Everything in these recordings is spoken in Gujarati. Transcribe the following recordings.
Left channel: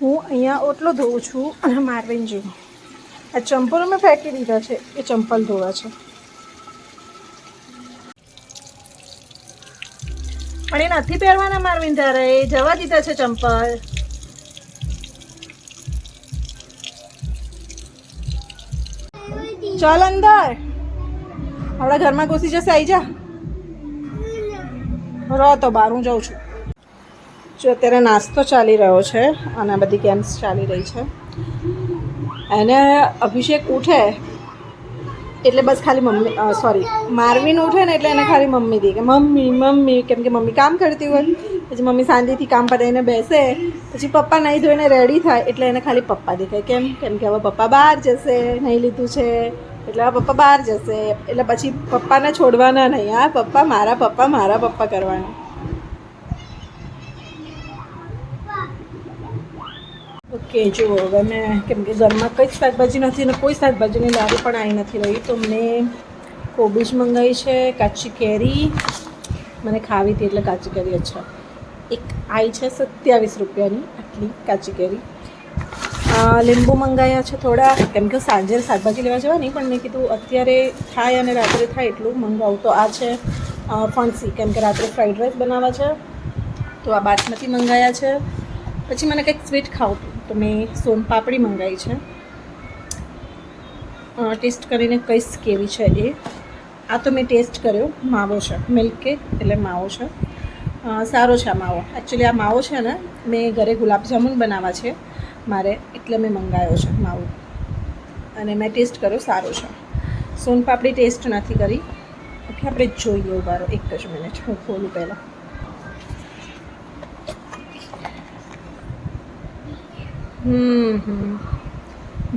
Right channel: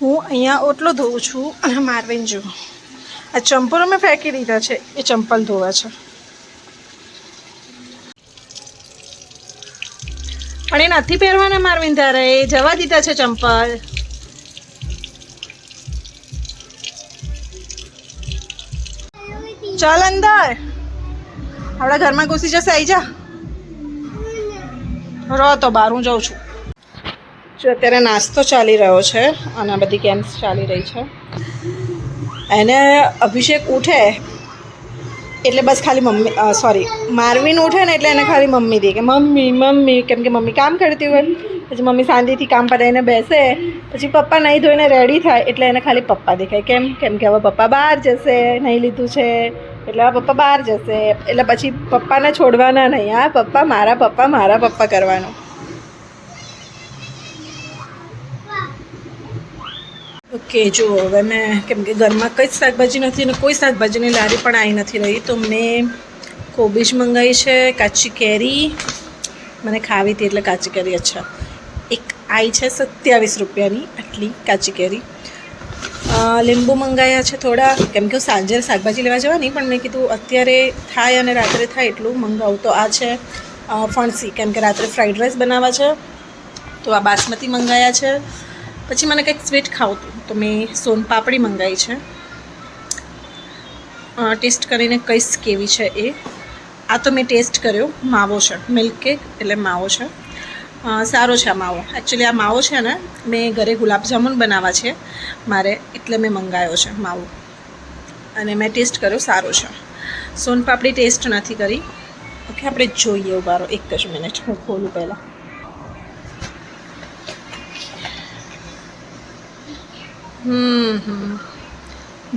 હું અહીંયા ઓટલો ધોઉં છું અને મારવીન જો આ ચંપલ મેં ફેંકી દીધા છે, એ ચંપલ ધોવા છે. પણ એ નથી પહેરવાના મારવીન, તારે એ જવા દીધા છે ચંપલ. ચાલ અંદર, આપણા ઘરમાં ઘૂસી જશે. આવી જા, રહો તો બહાર, હું જાઉં છું. જો અત્યારે નાસ્તો ચાલી રહ્યો છે અને આ બધી ગેમ્સ ચાલી રહી છે. એને અભિષેક ઉઠે એટલે બસ ખાલી મમ્મી, સોરી મારવીન ઉઠે ને એટલે એને ખાલી મમ્મી દે, કે મમ્મી મમ્મી, કેમ કે મમ્મી કામ કરતી હોય. પછી મમ્મી શાંતિથી કામ પતાવીને બેસે, પછી પપ્પા નહીં ધોઈને રેડી થાય એટલે એને ખાલી પપ્પા દેખાય. કેમ કે હવે પપ્પા બહાર જશે, નહીં લીધું છે એટલે હવે પપ્પા બહાર જશે, એટલે પછી પપ્પાને છોડવાના નહીં. હા પપ્પા મારા પપ્પા કરવાનું. ઓકે, જો હવે મેં, કેમ કે ઘરમાં કંઈ જ શાકભાજી નથી ને કોઈ શાકભાજીની લારી પણ આવી નથી રહી, તો મેં કોબીજ મંગાવી છે, કાચી કેરી મને ખાવી હતી એટલે કાચી કેરી. અચ્છા, એક આવી છે 27 રૂપિયાની આટલી કાચી કેરી. લીંબુ મંગાવ્યા છે થોડા, કેમ કે હું સાંજે શાકભાજી લેવા જવાની, પણ મેં કીધું અત્યારે થાય અને રાત્રે થાય એટલું મંગાવું. તો આ છે ફણસી, કેમ કે રાત્રે ફ્રાઈડ રાઈસ બનાવવા છે, તો આ બાસમતી મંગાવ્યા છે. પછી મને કંઈક સ્વીટ ખાવું હતું તો મેં સોનપાપડી મંગાવી છે. ટેસ્ટ કરીને કહીશ કેવી છે એ. આ તો મેં ટેસ્ટ કર્યો, માવો છે, મિલ્ક કેક એટલે માવો છે. સારો છે આ માવો. એકચ્યુઅલી આ માવો છે ને, મેં ઘરે ગુલાબજામુન બનાવવા છે મારે, એટલે મેં મંગાવ્યો છે માવો, અને મેં ટેસ્ટ કર્યો, સારો છે. સોનપાપડી ટેસ્ટ નથી કરી. ઓકે, આપણે જોઈએ. ઉભારો એક જ મિનિટ, હું ખોલું પહેલાં.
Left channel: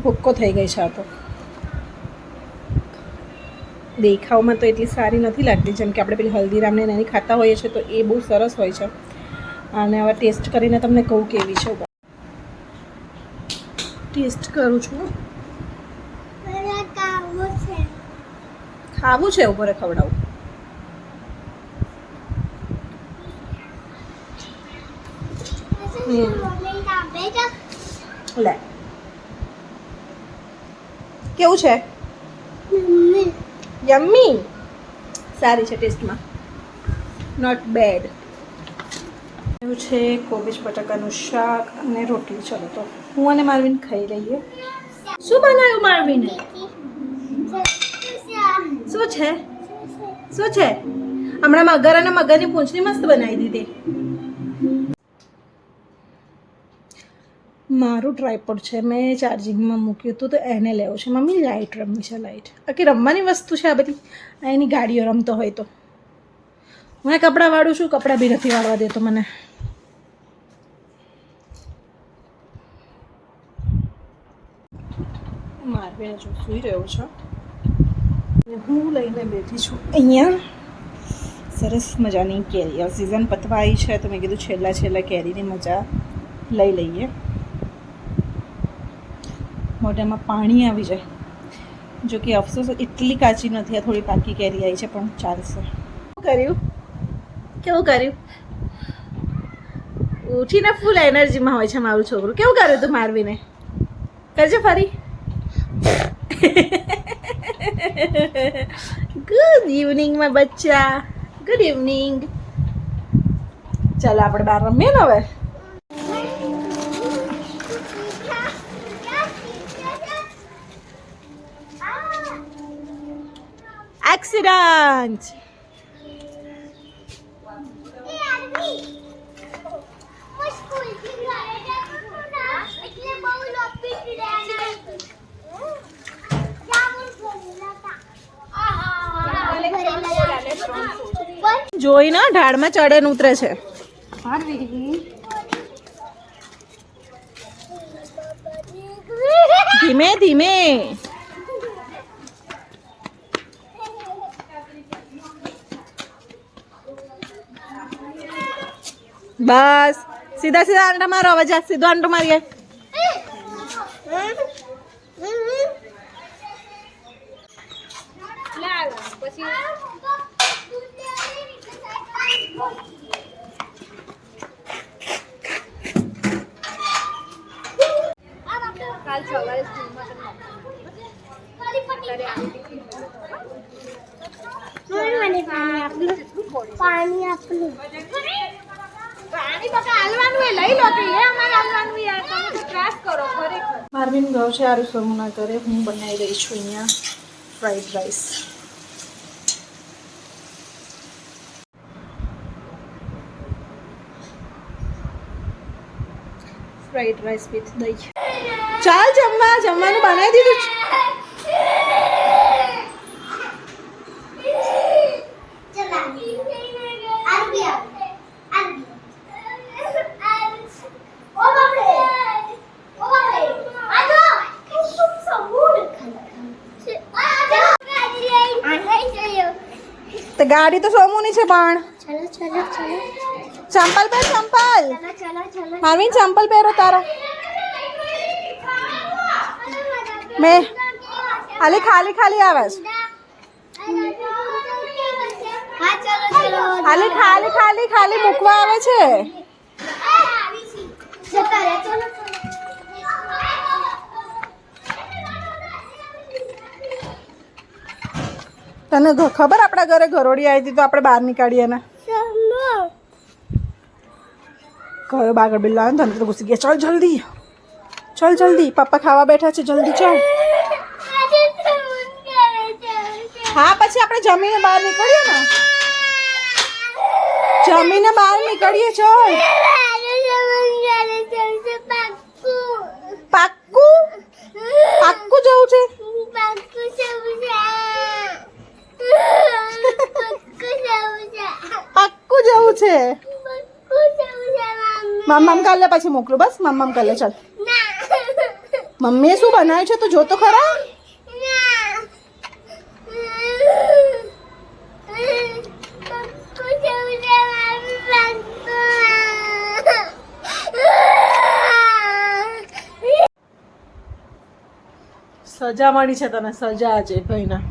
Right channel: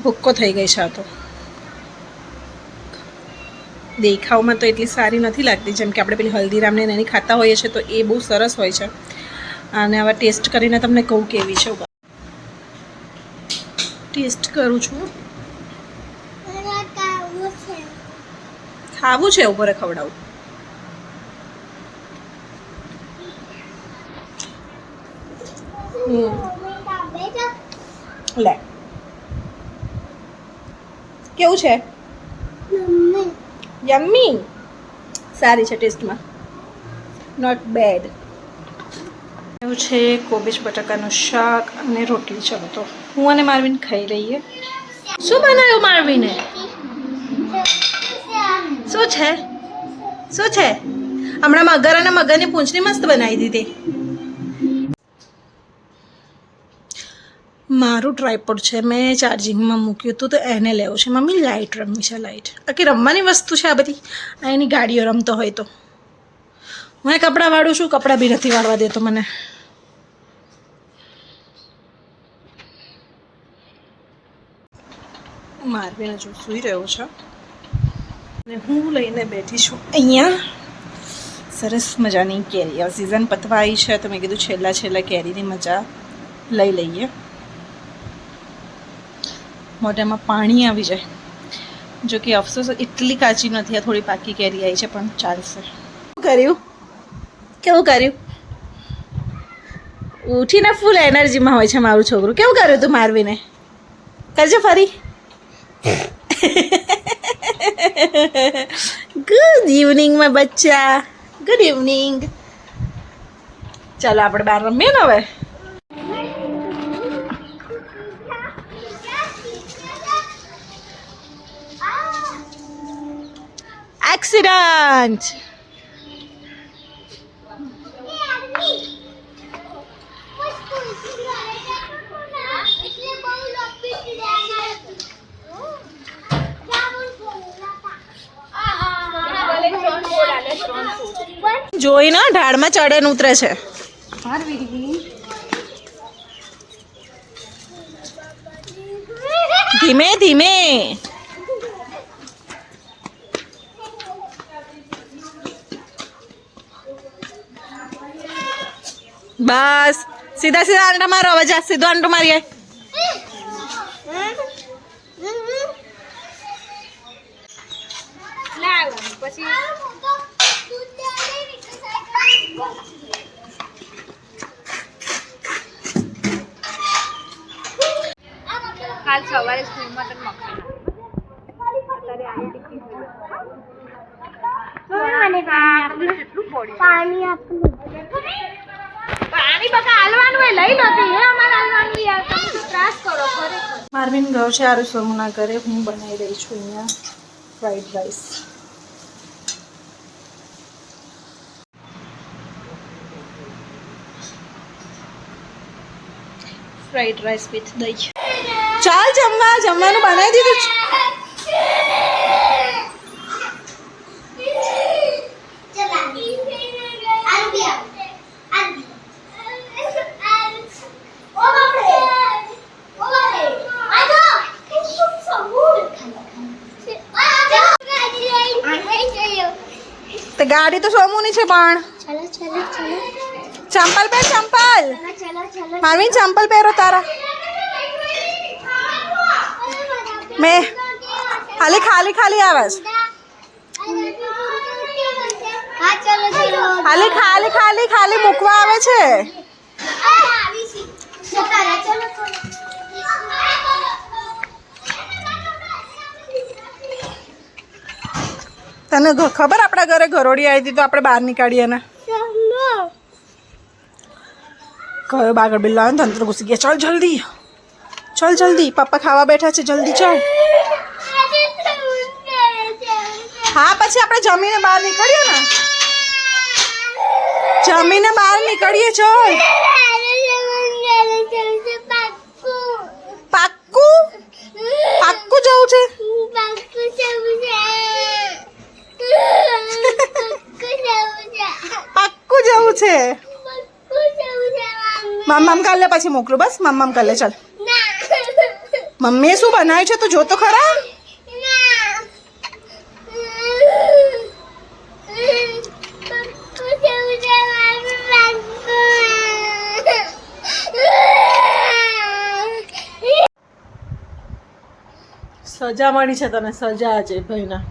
ભૂક્કો થઈ ગઈ છે આ તો. દેખાવમાં તો એટલી સારી નથી લાગતી, જેમ કે આપણે પેલી હલ્દીરામને એની ખાતા હોઈએ છીએ તો એ બહુ સરસ હોય છે. અને હવે ટેસ્ટ કરીને તમને કહું કેવી છે. ટેસ્ટ કરું છું. ખાવું છે, ઉપર ખવડાવું. લે, કેવું છે? યમ્મી, સારી છે ટેસ્ટમાં, નોટ બેડ. એવું છે કોબીજ બટાકાનું શાક અને રોટલી. ચલો તો હું અને મારવીન ખાઈ રહીએ. શું બનાવ્યું મારવીને? શું છે? શું છે? હમણાં મગર અને મગરની પૂંછડી મસ્ત બનાવી દીધી. મારું ટ્રાયપોડ છે, મેં ચાર્જિંગમાં મૂક્યું હતું તો એને લેવું છે. મમ્મી લાઇટ રમવી છે, લાઇટ. આખી રમવાની વસ્તુ છે આ બધી. આ એની ગાડીઓ રમતો હોય તો. હું એ કપડાં વાળું છું, કપડાં બી નથી વાળવા દેતો મને. મારવીને જો સૂઈ રહ્યો છે અને હું લઈને બેઠી છું અહીંયા સરસ મજાની કેરી. હવે સિઝન પતવા આવી છે તો મેં કીધું છેલ્લા કેરીની મજા લઈ લઈએ. મોઢામાં પાણી આવી જાય. જો કે અફસોસ એટલી કાચી નથી, આ થોડી પાકી કેરી આવી છે, પણ ચાલશે. કેવું કર્યું? ઉઠીને ફૂલ એનર્જીમાં હોય છે મારું છોકરું. કેવું કર્યું તું મારવીને? કરજો ફરી. ગુડ ઇવનિંગમાં બચ્ચા, ગુડ ઇવનિંગ. ચાલો આપણે બહાર રમીએ ને હવે. એક્સિડન્ટ. જોઈ ને ઢાળમાં ચડે ને ઉતરે છે. ધીમે ધીમે. બસ સીધા સીધા આંટા મારો. હવે જા, સીધો આંટો મારીએ. કાલ સવારે સ્કૂલમાં તને અત્યારે આલુ ટિફિન પાણી બકા હાલવાનું એ લઈ લો હે અમારે હાલવાનું યાર તમે તો ત્રાસ કરો ખરેખર. મારવીન ગયો છે આરુ સોમુના ઘરે. હું બનાવી રહી છું અહીંયા fried rice. Fried rice with દહીં. ચાલ જમવાનું બનાવી દીધું છે. તો ગાડી તો સોમુની છે પણ ચંપલ પહેર ચંપલ. મારવીન ચંપલ પહેરો તારા. મેં અલી ખાલી આવે છે. અલી ખાલી મૂકવા આવે છે. તને ખબર આપણા ઘરે ઘરોડી આવી હતી તો આપણે બહાર નીકાળીએ ને. કયો બાગડ બિલ્લો આવે ને તંત્ર ઘૂસી ગયા. ચાલ જલ્દી પપ્પા ખાવા બેઠા છે. જલ્દી ચાલ. હા પછી આપણે જમીને બહાર નીકળીએ ને. જમીને બહાર નીકળીએ. ચાલ પાક્કું જવું છે. પાક્કું જવું છે. મમ્મ કાલે પછી મોકલું. બસ મમ્મ કાલે. ચાલ મમ્મીએ શું બનાવ્યું છે તો જો તો ખરા. સજા મળી છે તને. સજા છે ભાઈના.